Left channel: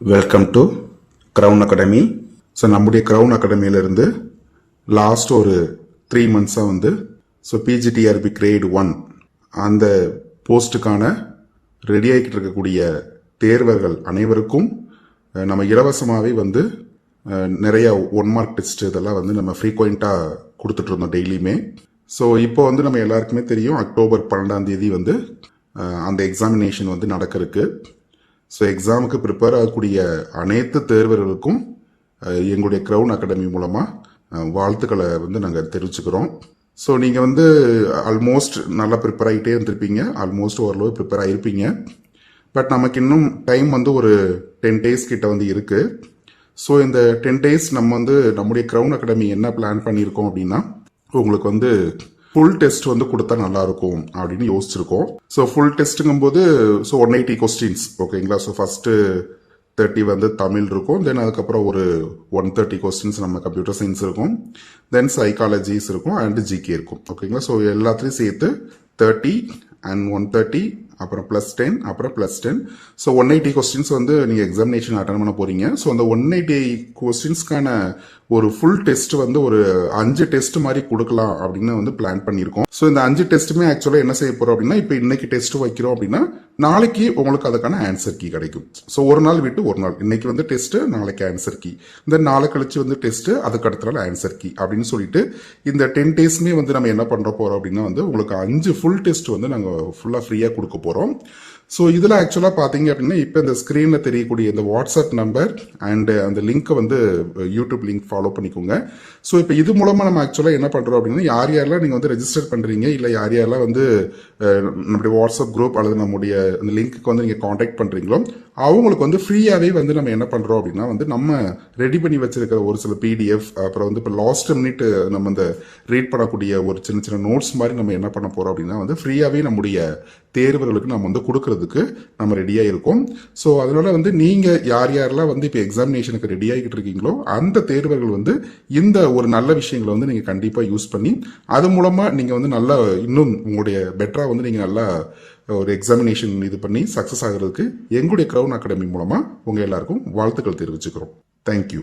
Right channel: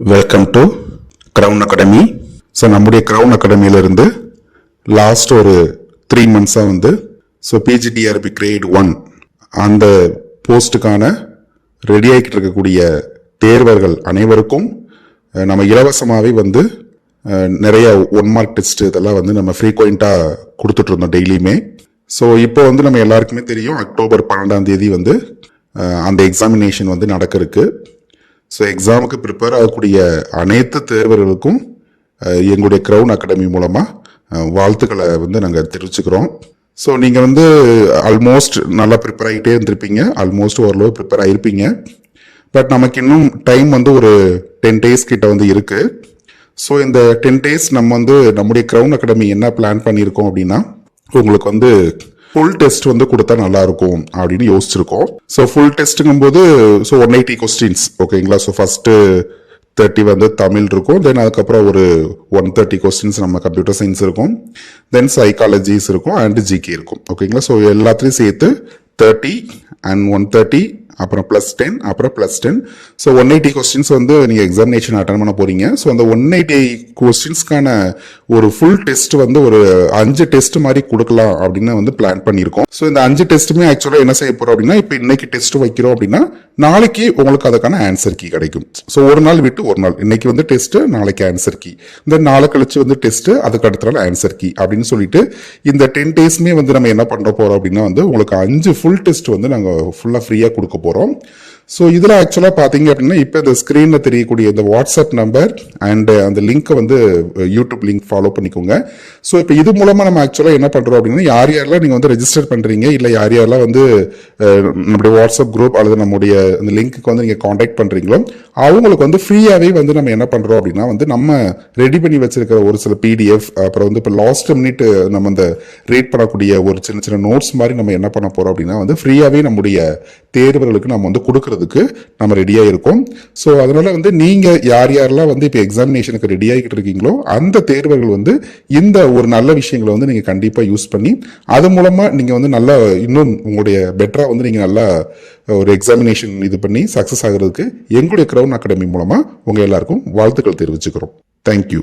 Welcome to Crown Academy. So நம்முடைய கிரவுன் அகாடமியிலிருந்து லாஸ்ட் ஒரு 3 மந்த்ஸாக பிஜிடிஆர்பி கிரேட் 1 அந்த போஸ்ட்டுக்கான ரெடி ஆகிட்டு இருக்கக்கூடிய தேர்வர்கள் அனைவருக்கும் நம்ம இலவசமாகவே நிறைய 1 மார்க் டெஸ்ட் இதெல்லாம் நம்ம ஃப்ரீக்வெண்ட்டாக கொடுத்துட்டு இருந்தோம் டெய்லியுமே. ஸோ இப்போ நம்ம எல்லாருக்குமே தெரியும், அக்டோபர் 12ஆம் தேதி அந்த எக்ஸாமினேஷன் நடக்க இருக்கு. ஸோ எக்ஸாமுக்கு ப்ரிப்பேர் ஆகக்கூடிய அனைத்து தேர்வர்களுக்கும் எங்களுடைய கிரவுன் அகாடமி மூலமாக வாழ்த்துக்களை நாங்கள் தெரிவிச்சுக்கிறோம். ஸோ நீங்கள் ஆல்மோஸ்ட் நல்லா ப்ரிப்பேர் ஆகிட்டே இருந்திருப்பீங்க, ஆல்மோஸ்ட் ஓரளவு ப்ரிப்பேர் ஆகிருப்பீங்க. பட் நமக்கு இன்னும் டைம் ஒரு 10 days கிட்ட இருக்கு. ஸோ இந்த 10 days நம்ம நம்முடைய கிரவுன் அகாடமி என்ன பிளான் பண்ணியிருக்கோம் அப்படின்னா, உங்களுக்கு ஃபுல் டெஸ்ட் கொடுத்தா நல்லா இருக்கும் அப்படின்னு யோசிச்சிருக்கோம். ஸோ ஃபுல் டெஸ்ட்டுங்கும் போது 180 கொஸ்டின்ஸ் ஓகேங்களா. ஸோ ஃபர்ஸ்ட் 30 தமிழ் இருக்கும், தென் அதுக்கப்புறம் ஒரு 130 கொஸ்டின்ஸ் நம்ம கம்ப்யூட்டர் சயின்ஸ் இருக்கும், தென் சைக்காலஜிஸ் இருக்கும் அண்ட் ஜிகே இருக்கும் ஓகேங்களா. ஸோ எல்லாத்தையும் சேர்த்து 30 அண்ட் 130 அப்புறம் +10 அப்புறம் +10. ஸோ 180 கொஸ்டின்ஸ் நீங்கள் எக்ஸாமினேஷன் அட்டன் பண்ண போறீங்க. ஸோ அந்த 180 கொஸ்டின்ஸ்க்கான ஒரு ஃபுல் டெஸ்ட் ஒரு 5 டெஸ்ட் மாதிரி கொடுக்கலாம் அப்படின்னு பிளான் பண்ணியிருக்கோம். ஸோ இந்த 5 டெஸ்ட்டுமே ஆக்சுவலாக என்ன செய்ய போறோம் அப்படின்னா, இப்போ இன்னைக்கு டெஸ்ட் வைக்கிறோம் அப்படின்னா நாளைக்கு உங்களுக்கு அதுக்கான ஆன்சர் கீ கிடைக்கும். ஸோ ஒரு நாள் விட்டு ஒரு நாள், இன்னைக்கு டெஸ்ட், நாளைக்கு ஆன்சர் கீ, இந்த நாளை கழிச்சு டெஸ்ட், அதுக்கு அடுத்த நாள் ஆன்சர் கீ அப்படின்னு சொல்லிட்டு இந்த 10 daysமே நம்ம என்ன பண்ற போறோம் அப்படின்னா உங்களுக்கு 5 ஃபுல் டெஸ்ட் நாங்கள் ஃபுல்லாக ஃப்ரீயாக கொடுக்க போறோம். ஸோ இதில் ஆக்சுவலாக பார்த்தீங்க அப்படின்னா, இப்போ இந்த ஸ்க்ரீனில் தெரியக்கூடிய இந்த வாட்ஸ்அப் நம்பர் அண்ட் அந்த லிங்க்கை யூடியூப் லிங்க் ஃபாலோ பண்ணிக்கோங்க. ஸோ இப்போ இது மூலமாக நம்ம ஆக்சுவலாக என்ன பண்ணுறோம் அப்படின்னா, யார் யாரெல்லாம் நீங்கள் ரெஜிஸ்டர் பண்ணுறீங்க, இல்லை யார் யாரெல்லாம் நம்மளுடைய வாட்ஸ்அப் குரூப் அல்லது நம்முடைய அந்த லிங்க்கு நீங்கள் காண்டாக்ட் பண்ணுறீங்களோ அவங்களுக்கு ஃப்ரீயாகவே நம்ம என்ன பண்ணுறோம் அப்படின்னா நம்ம ரெடி பண்ணி வச்சிருக்கிற ஒரு சில பிடிஎஃப், அப்புறம் இப்போ லாஸ்ட் மினிட் நம்ம இந்த ரேட் பண்ணக்கூடிய ஒரு சின்ன சின்ன நோட்ஸ் மாதிரி நம்ம என்ன பண்ண போகிறோம் அப்படின்னா ஃப்ரீயாகவே நம்முடைய தேர்வுகளுக்கு நம்ம கொடுக்கறதுக்கு நம்ம ரெடியா இருக்கோம். ஸோ அதனால நீங்க யார் யாரெல்லாம் இப்போ எக்ஸாமினேஷனுக்கு ரெடி ஆகிட்டு இருக்கீங்களோ அந்த தேர்வர்கள் இந்த ஒரு நல்ல விஷயங்களை நீங்க கண்டிப்பா யூஸ் பண்ணி அது மூலமா நீங்க நல்ல இன்னும் உங்களுடைய பெட்டரா நீங்க நல்லா ஒரு எக்ஸாமினேஷன் இது பண்ணி சக்சஸ் ஆகிறதுக்கு எங்களுடைய கிரவுன் அகாடமி மூலமா உங்க எல்லாருக்கும் வாழ்த்துக்கள் தெரிவிச்சுக்கிறோம். தேங்க்யூ.